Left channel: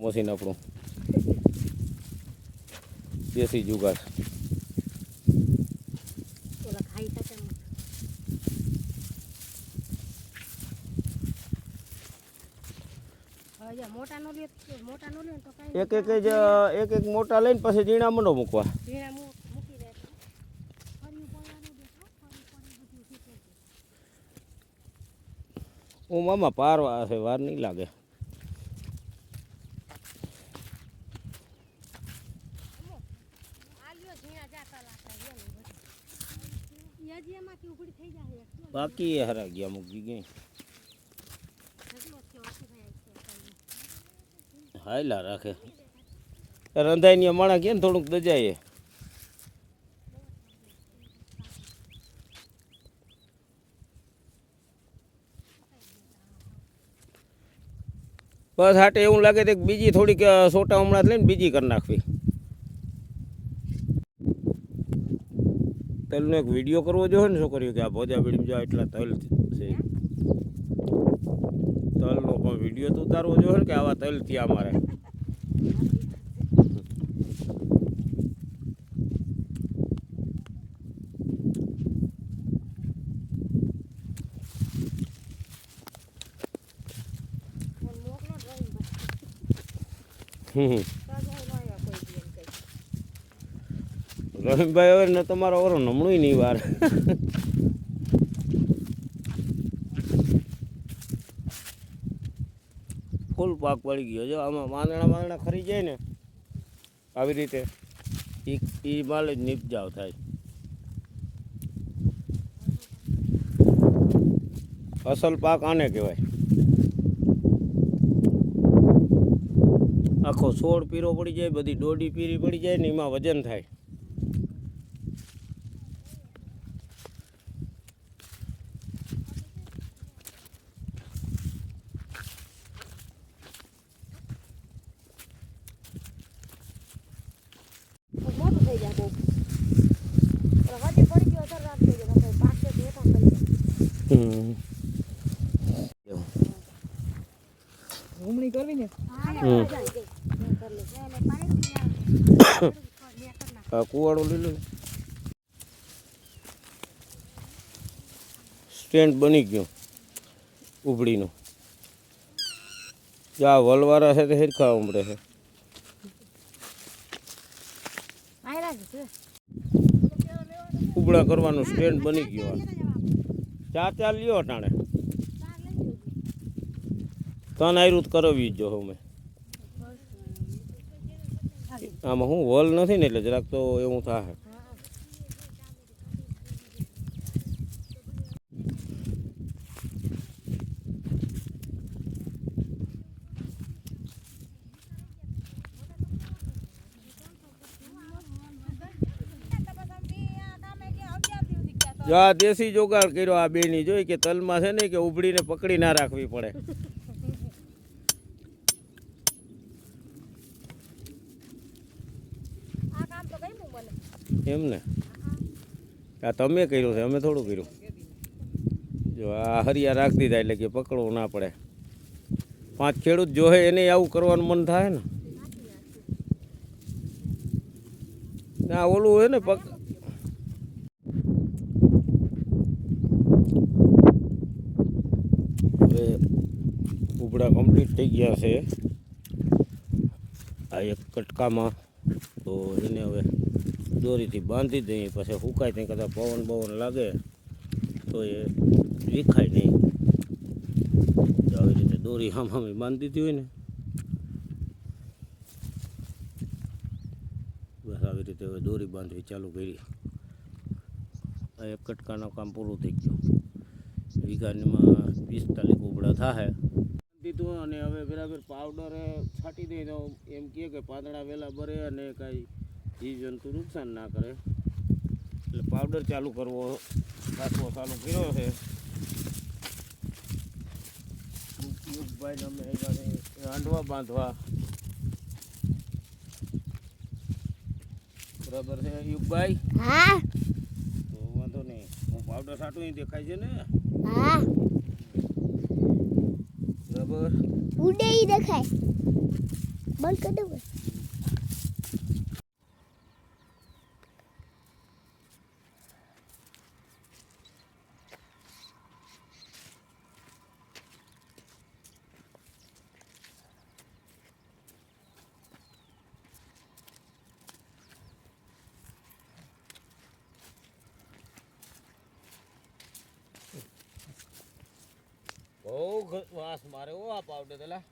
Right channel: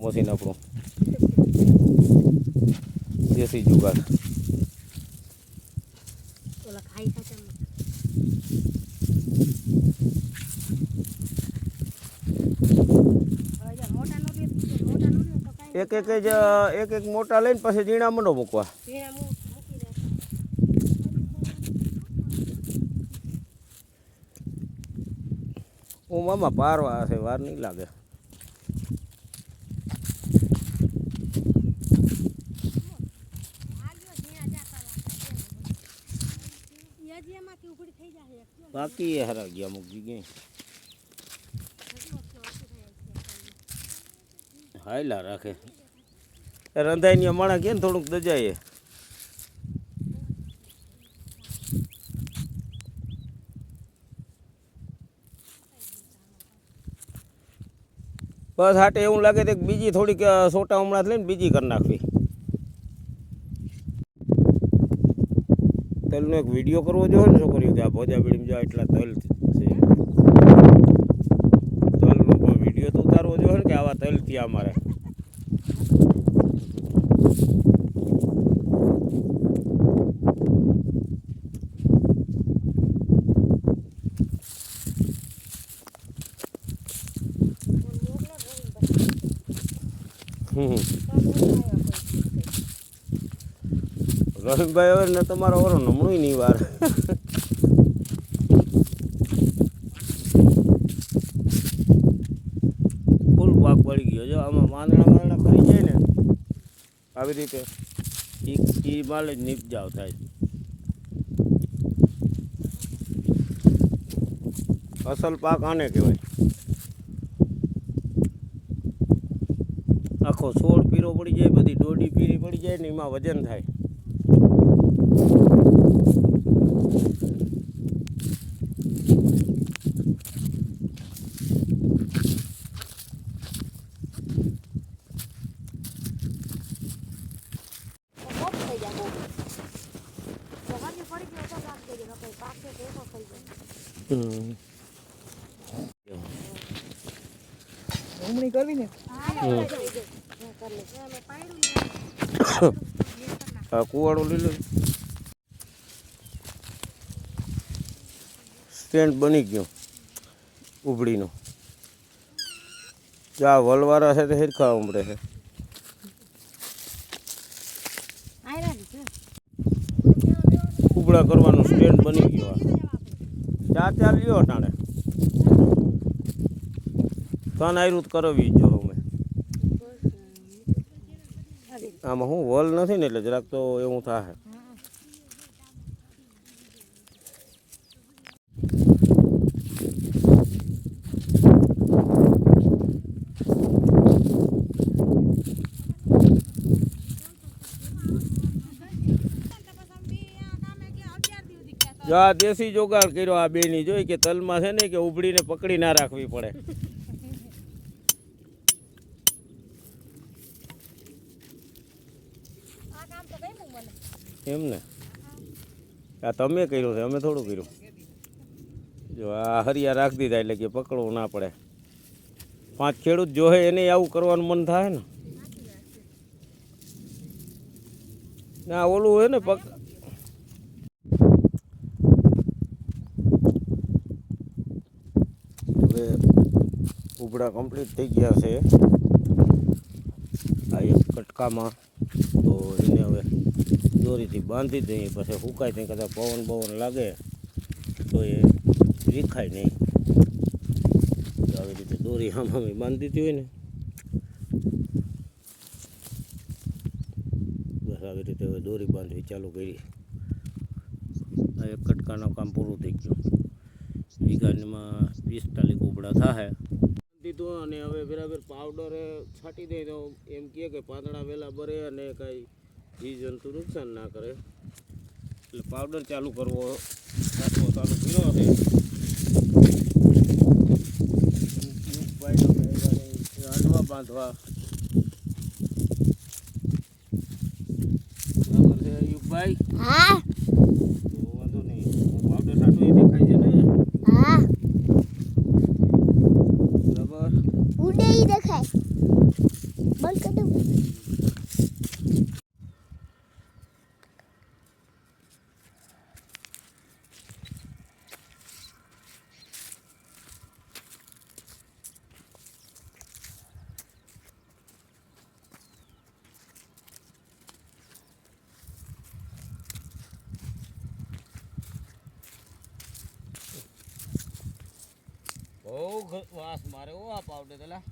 Machine આપણું દેશી જુગાડ ઓલા ખાઈ શકે ને. હવે જો મોટા નો લે મોટા નો લે તો કાંઈ એક એક જ એક એક મોટા લઈને પછી ઝીણા મંડો મૂકવા. હું મામા પારવા છે વાર નહીં લાગે બાકી એ હરા ગયા મૂકી આખો. હાયલા રાખે. રંધાઈની માણા કે થોડુંક દજાય બસ હાટે એવું લાગે તો બીજી થોડીક સોટા હમણાં લઈને બીજી કરી નાખવી. તલનો એક વીડિયો કરવો જોઈએ ને છોકરીઓ કે આ ભોજા બીડીમાં જો એટલા તલ છે તલનો પણ વીડિયો તો ઉતારવો જોઈએ ને કે આવા તલ થયા અમારે. હમ. રહીમભાઈ હવે તમારો ઓરો નમણું નહીં વાર. ફૂલ પાક પડી ગયો. જો, આમાં માંદણા માંદણા ખરી જાય ને, આવી રીતે ઈ માલ જ નીપજાવ થાય. અસલ પાક આને કહેવાય. આખો છોડ પીરો પડી જાય, બધી દોડી પીરી પડી જાય ને, એમાં વજન થાય તો મોટું થઈ જાય બહુ. તો હજી પડી ગયો તો રાખ થઈ જાય. તો પછી પાકે તો એ પણ કરી દે. ઘૂમણી કરવી ને. આ કુવાડો લઈ લો. સ્ટેન્ડ બની ગયો ઉભડીનું. જા વલવારા છે તે હિરખા ઉમડે છે. ઉબડા કરવાનું સ્ટેન્ડ બની ગયો આ. ચાર ચાર લ્યો અટાણે તન આયરું કરવી જો અમે આમાં હું વોલ નથી ને એટલે જરાક તો એવું થાય જો આ દેશી જોગાડ કર્યો આ બેની, જોઈ કે તલમાં છે ને કે ઉભડીને પકડી ના રાખવી પડે. એમ ને? આ તમે કર્યું છે, અમે થોડું કર્યું. જો આ હરિયા રાખતી દીધા એટલે કે પકડવું ના પડે. પાંચ ખેડૂત જોહે એને આવું કરવાનું મન થાય ને. ના, ઓલું હોય ને પક હવે ઉબડા કમ્પ્લીટ થઈ ગયા છે. આ એક કટકામાં. તો એને હવે દોરીથી બાંધી દઈએ. પછી સુકાય ત્યાં કદાચ પવન બવન લાગે, તો એ વિખાય નહીં. આવી રીતે દોરી આમ બાંધી દીધી હોય ને. બસ આવી રીતે હવે દોરી બાંધવી ચાલુ કરી. આ એક કટકાનું કામ પૂરું થઈ ગયું. વીઘામાં પિસ્તાલીસ કુબડા થાય દીધું અને હવે બરાબર પાવડર છાંટી દઈ તો એમ કહે કે પાંદડા વહેલા ભરે અને કાંઈ જીવ જંતુ નુકસાન ના કરે. એટલે પાવડર ચાલુ કરવો રાખવો ચાલુ કર્યો છે. ભાઈ તમે વાંધવા બાંધવા. બરાબર છે યુગભાઈ હા. તો વાંધો નહીં. પાવડર છાંટવું એ દેખાય છે ને? હા. બરાબર. ઉડે દેખાય. બંધ કરી દઉં. બહુ વાસ મારે ઓ આ પાવડર પેલા.